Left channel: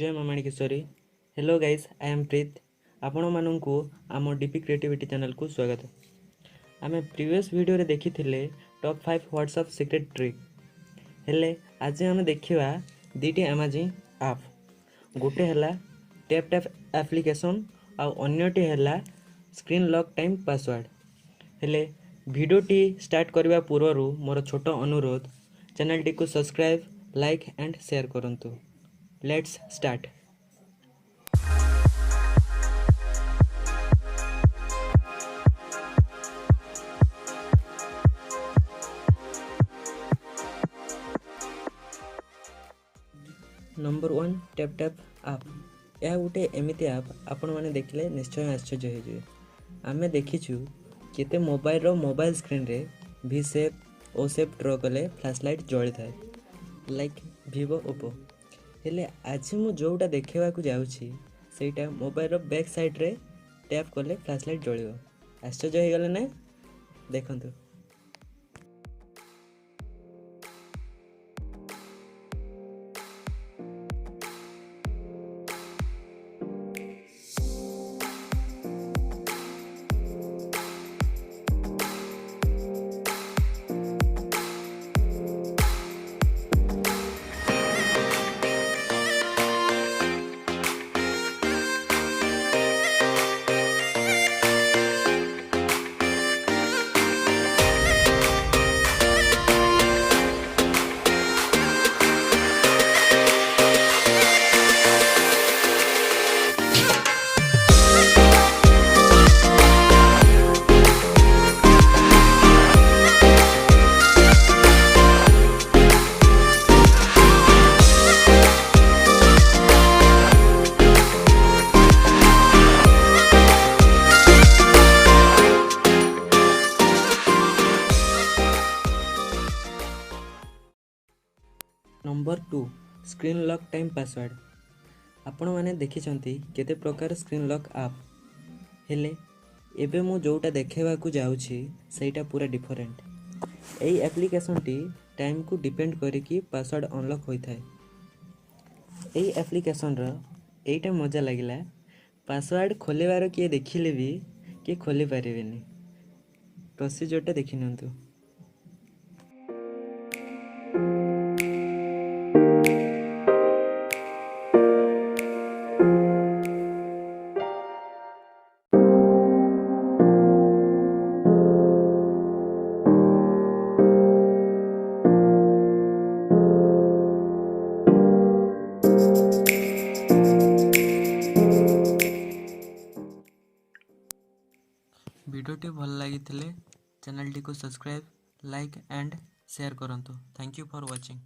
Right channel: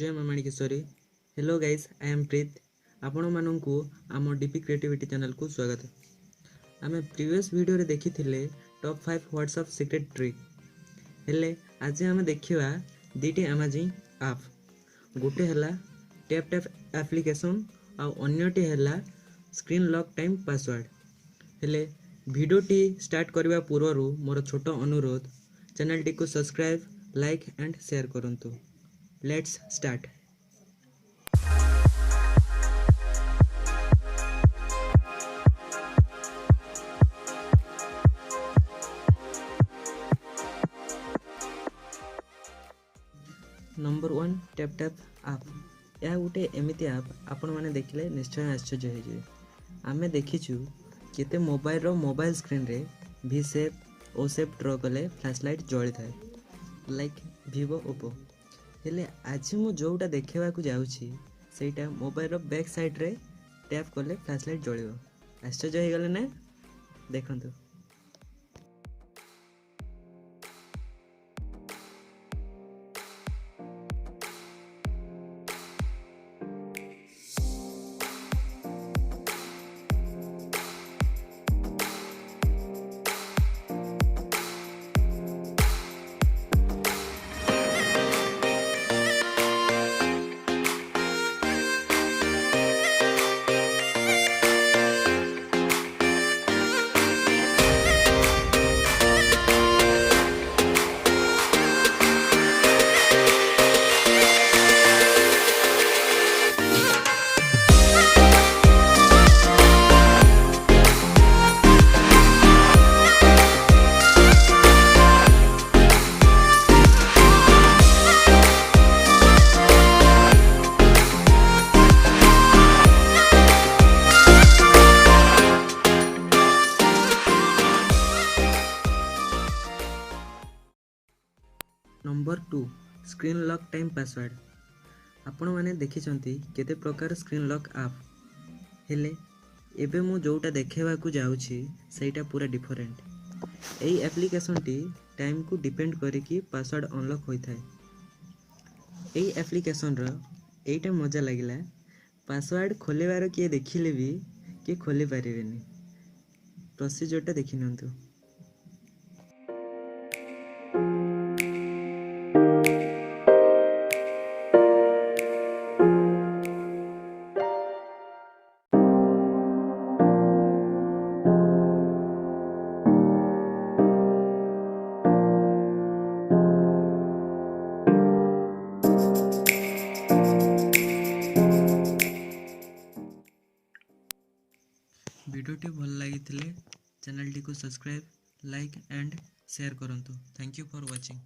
जय मामाणी किशोरी। Hello guys, I am प्रीत। आपण मानू आम डीपी क्रिएटिविटी चैनल को स्वागत। आम प्रीवियस वीडियो रे देखी टॉप 5 व्हाट्सएप सीक्रेट ट्रिक। हेले आज आम देखा दीटी अमेजिंग आप। गोटे है टैप टैप एप्लिकेशन आउ अन्यटी है स्क्रीन लॉक टाइम पासवर्ड। हेले भिडियोटी स्टार्ट करने पूर्व मोर छोट अनुरोध, चैनल टी को सब्सक्राइब, लाइक एंड शेयर करंतु। Let's start. Number 1 tap tap आप। यह गोटे एमती आप आपण मैंने देखले निश्चय आश्चर्य हो। आम देखीचु केते मोबाइल स्क्रीन रे भी सेप ओ सेप ड्र कले फ्लैशलाइट जली थाए, लाइक वीवो ओप्पो। हेले आज मु जोटा देखा जाऊँगी सेटा मोबाइल बैक साइड रे टैप कले फ्लैशलाइट जलिबो। आश्चर्य हो गले ना? देखंतु। Number 2 screen lock time password. आपण मैंने देखी केते प्रकार स्क्रीन लॉक आप। हेले एबे मु जोटा देखेबाकू जाउछि सेटा पूरा डिफरेंट। एई एप्लिकेशन टी टाइम को डिपेंड करिकी पासवर्ड अनलॉक होइथाय। एई एप्लिकेशन रो एटा मजा लागिला, पासवर्ड खोलेबार किए देखिले भी किए खोली पारिबेनी। प्रोसीजरटा देखि नंतु। वीडियोटी भल लगी चैनल टी को सब्सक्राइब, लाइक एंड शेयर करंतु। Thank you for watching.